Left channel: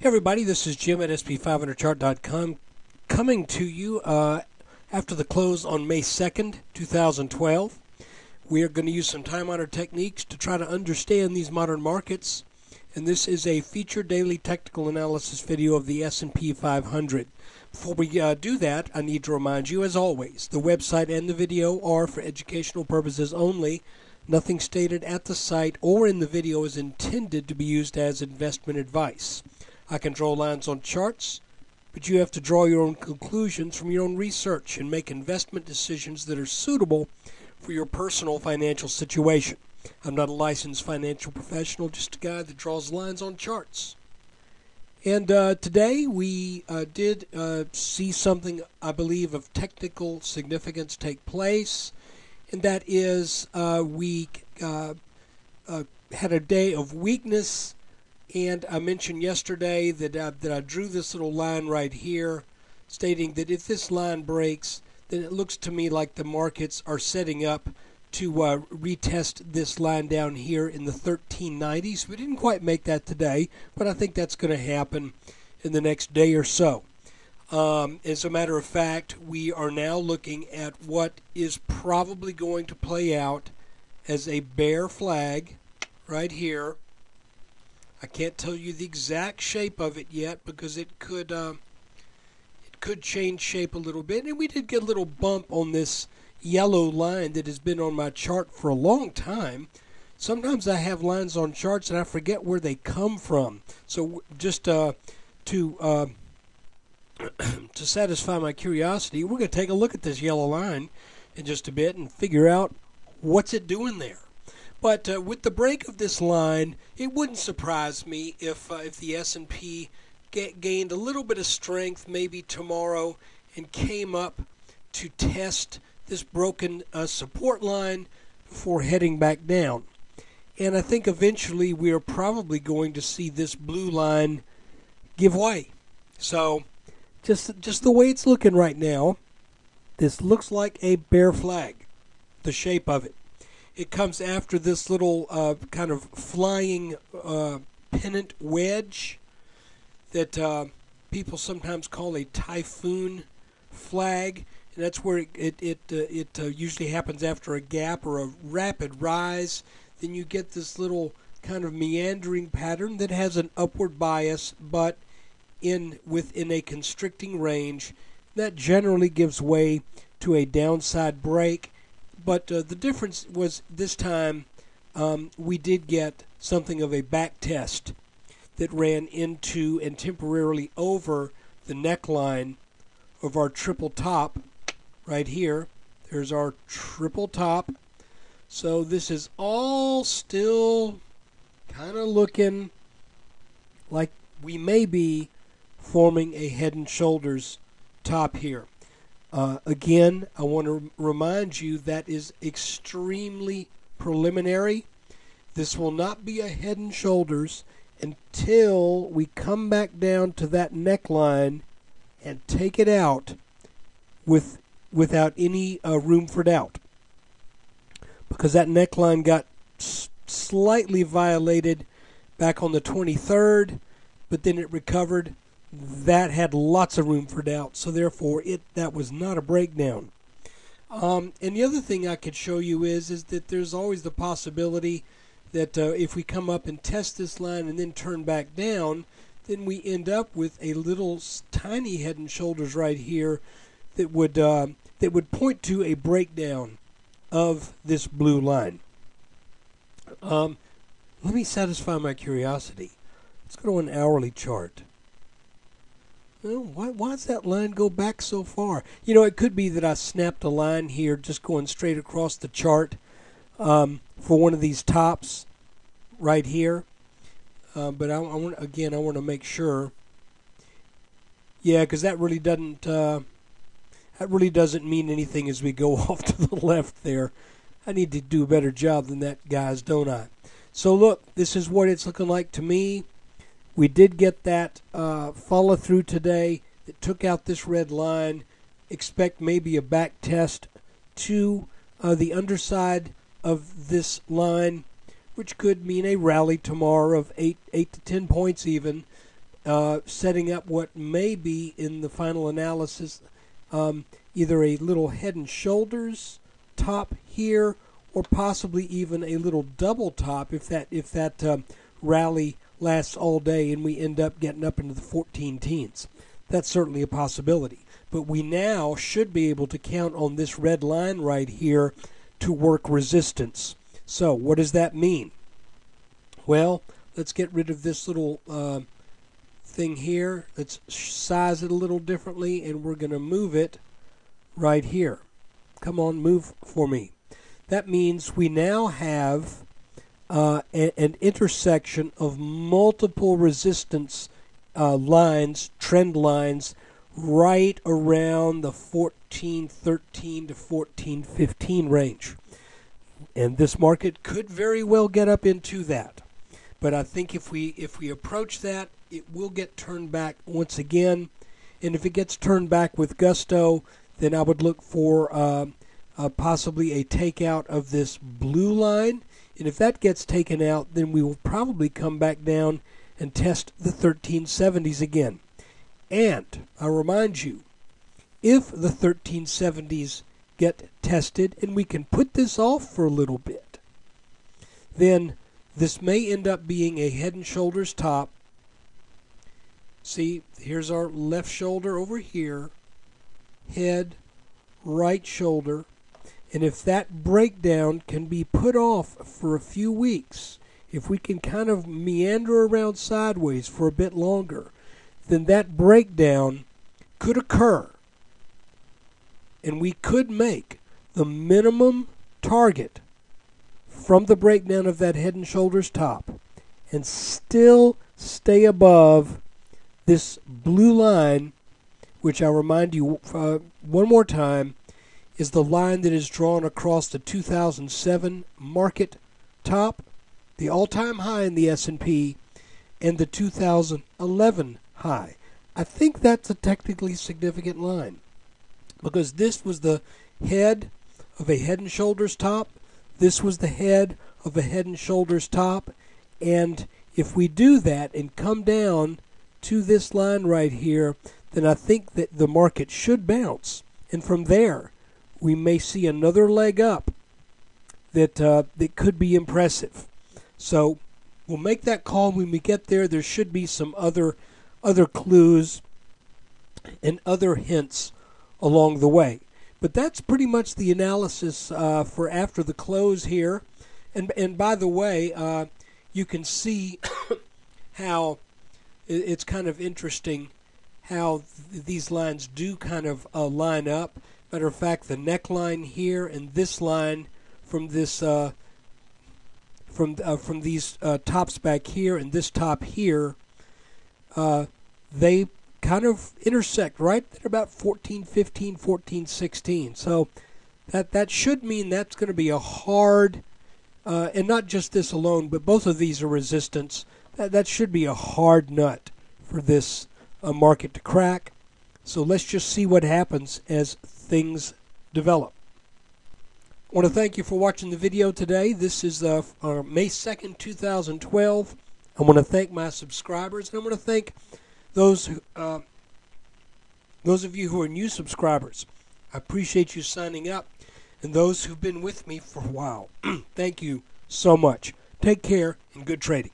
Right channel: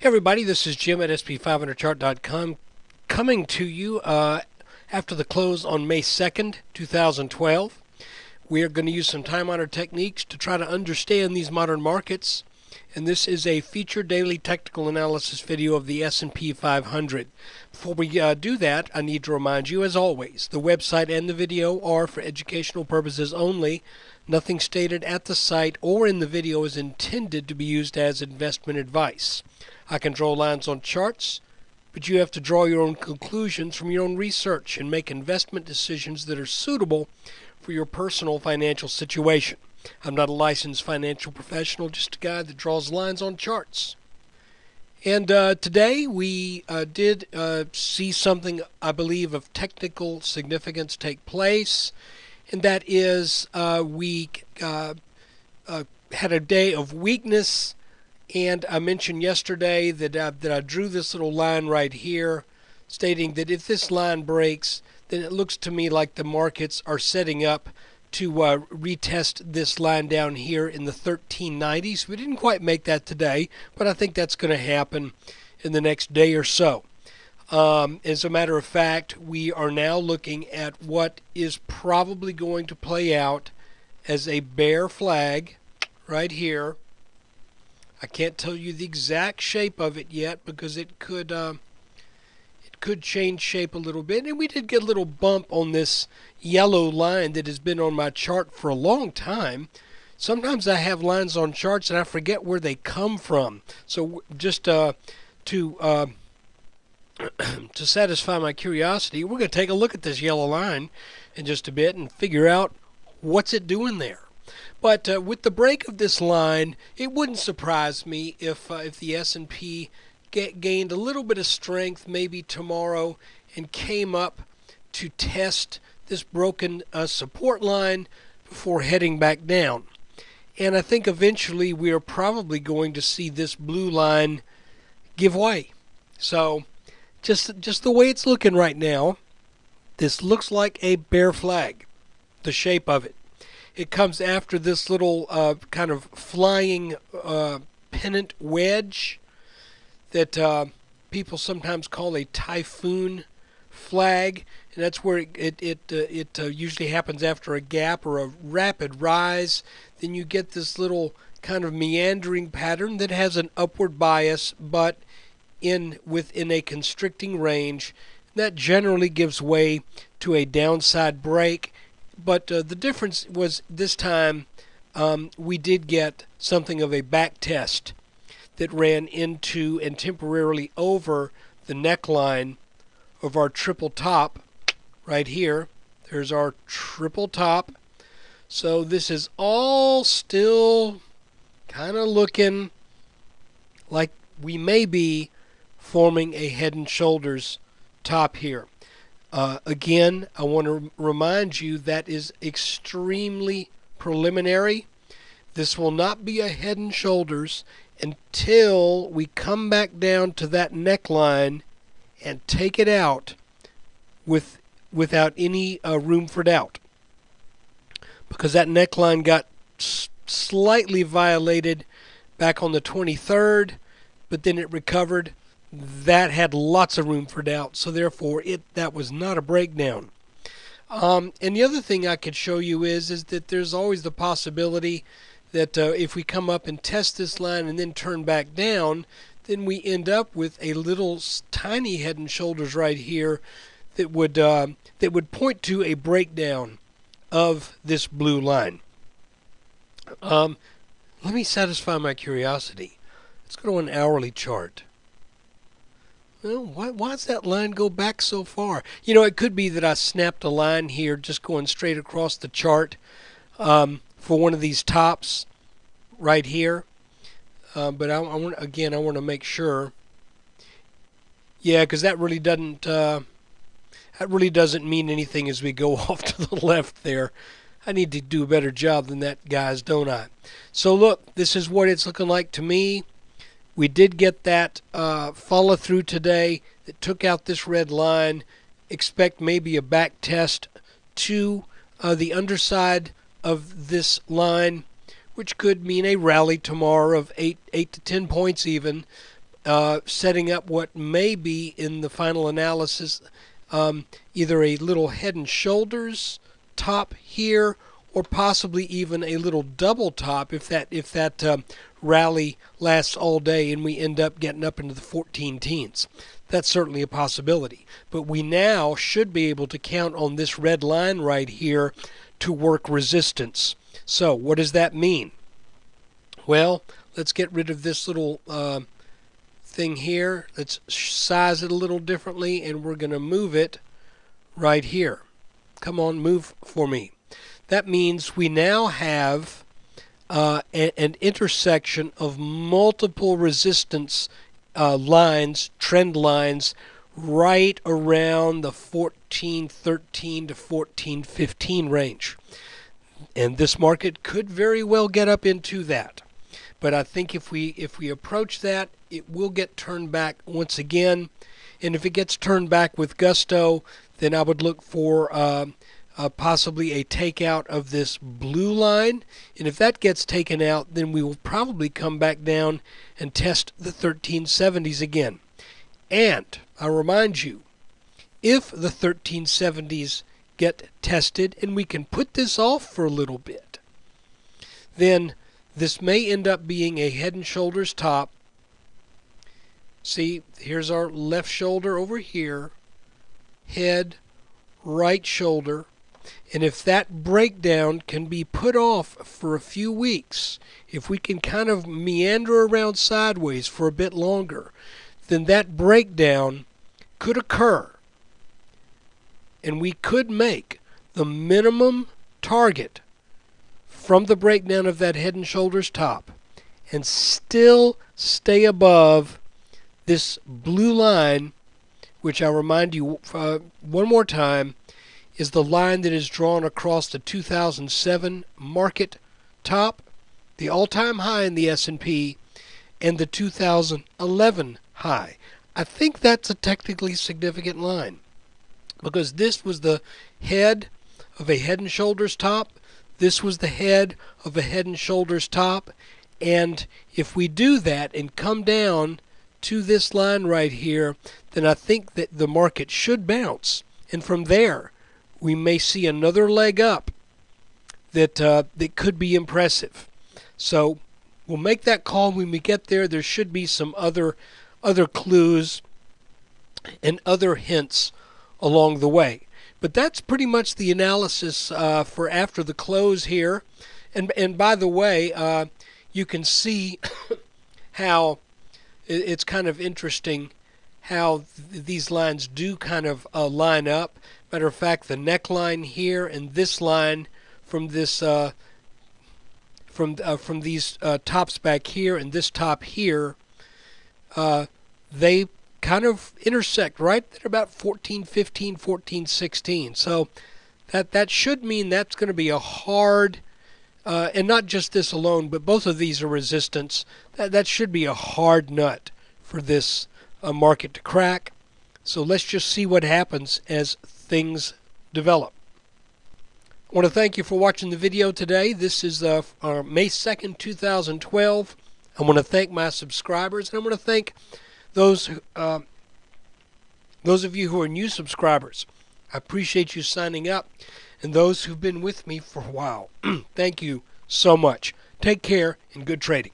Hey everybody, this is Jim at SP500chart.com coming to you after the close on May 2nd, 2012. We are going to use some time-honored techniques to try to understand these modern markets, and this is a featured daily technical analysis video of the S&P 500. Before we do that, I need to remind you, as always, the website and the video are for educational purposes only. Nothing stated at the site or in the video is intended to be used as investment advice. I can draw lines on charts, but you have to draw your own conclusions from your own research and make investment decisions that are suitable for your personal financial situation. I'm not a licensed financial professional, just a guy that draws lines on charts. And today we did see something, I believe, of technical significance take place, and that is we had a day of weakness. And I mentioned yesterday that I drew this little line right here, stating that if this line breaks, then it looks to me like the markets are setting up to retest this line down here in the 1390s. We didn't quite make that today, but I think that's going to happen in the next day or so. As a matter of fact, we are now looking at what is probably going to play out as a bear flag right here. I can't tell you the exact shape of it yet because it could change shape a little bit. And we did get a little bump on this yellow line that has been on my chart for a long time. Sometimes I have lines on charts and I forget where they come from. So just to satisfy my curiosity, we're going to take a look at this yellow line in just a bit and figure out what's it doing there. But with the break of this line, it wouldn't surprise me if the S&P gained a little bit of strength maybe tomorrow and came up to test this broken support line before heading back down. And I think eventually we are probably going to see this blue line give way. So just the way it's looking right now, this looks like a bear flag, the shape of it. It comes after this little kind of flying pennant wedge that people sometimes call a typhoon flag, and that's where it usually happens after a gap or a rapid rise. Then you get this little kind of meandering pattern that has an upward bias, but within a constricting range. That generally gives way to a downside break. But the difference was this time we did get something of a back test that ran into and temporarily over the neckline of our triple top right here. There's our triple top. So this is all still kind of looking like we may be forming a head and shoulders top here. Again, I want to remind you that is extremely preliminary. This will not be a head and shoulders until we come back down to that neckline and take it out without any room for doubt. Because that neckline got slightly violated back on the 23rd, but then it recovered. That had lots of room for doubt, so therefore that was not a breakdown. And the other thing I could show you is that there's always the possibility that if we come up and test this line and then turn back down, then we end up with a little tiny head and shoulders right here that would point to a breakdown of this blue line. Let me satisfy my curiosity. Let's go to an hourly chart. Well, why does that line go back so far? You know, it could be that I snapped a line here just going straight across the chart for one of these tops right here. But I want to make sure. Yeah, because that really doesn't mean anything as we go off to the left there. I need to do a better job than that, guys, don't I? So look, this is what it's looking like to me. We did get that follow through today that took out this red line. Expect maybe a back test to the underside of this line, which could mean a rally tomorrow of 8 to 10 points even. setting up what may be in the final analysis either a little head and shoulders top here, or possibly even a little double top if that rally lasts all day and we end up getting up into the 14 teens. That's certainly a possibility. But we now should be able to count on this red line right here to work resistance. So what does that mean? Well, let's get rid of this little thing here. Let's size it a little differently, and we're going to move it right here. Come on, move for me. That means we now have an intersection of multiple resistance lines, trend lines, right around the 14.13 to 14.15 range. And this market could very well get up into that. But I think if we approach that, it will get turned back once again. And if it gets turned back with gusto, then I would look for possibly a takeout of this blue line. And if that gets taken out, then we will probably come back down and test the 1370s again. And I remind you, if the 1370s get tested and we can put this off for a little bit, then this may end up being a head and shoulders top. See, here's our left shoulder over here, head, right shoulder, and if that breakdown can be put off for a few weeks, if we can kind of meander around sideways for a bit longer, then that breakdown could occur, and we could make the minimum target from the breakdown of that head and shoulders top and still stay above this blue line, which I'll remind you one more time is the line that is drawn across the 2007 market top, the all-time high in the S&P, and the 2011 high. I think that's a technically significant line because this was the head of a head and shoulders top. This was the head of a head and shoulders top, and if we do that and come down to this line right here, then I think that the market should bounce, and from there we may see another leg up that could be impressive. So we'll make that call when we get there. There should be some other clues and other hints along the way. But that's pretty much the analysis for after the close here. And by the way, you can see how it's kind of interesting how these lines do kind of line up. Matter of fact, the neckline here and this line from this from these tops back here and this top here, they kind of intersect right at about 14.15, 14.16. So that should mean that's going to be a hard, and not just this alone, but both of these are resistance. That should be a hard nut for this market to crack. So let's just see what happens as things develop. I want to thank you for watching the video today. This is May 2nd, 2012. I want to thank my subscribers, and I want to thank those of you who are new subscribers. I appreciate you signing up, and those who've been with me for a while. Thank you so much. Take care and good trading.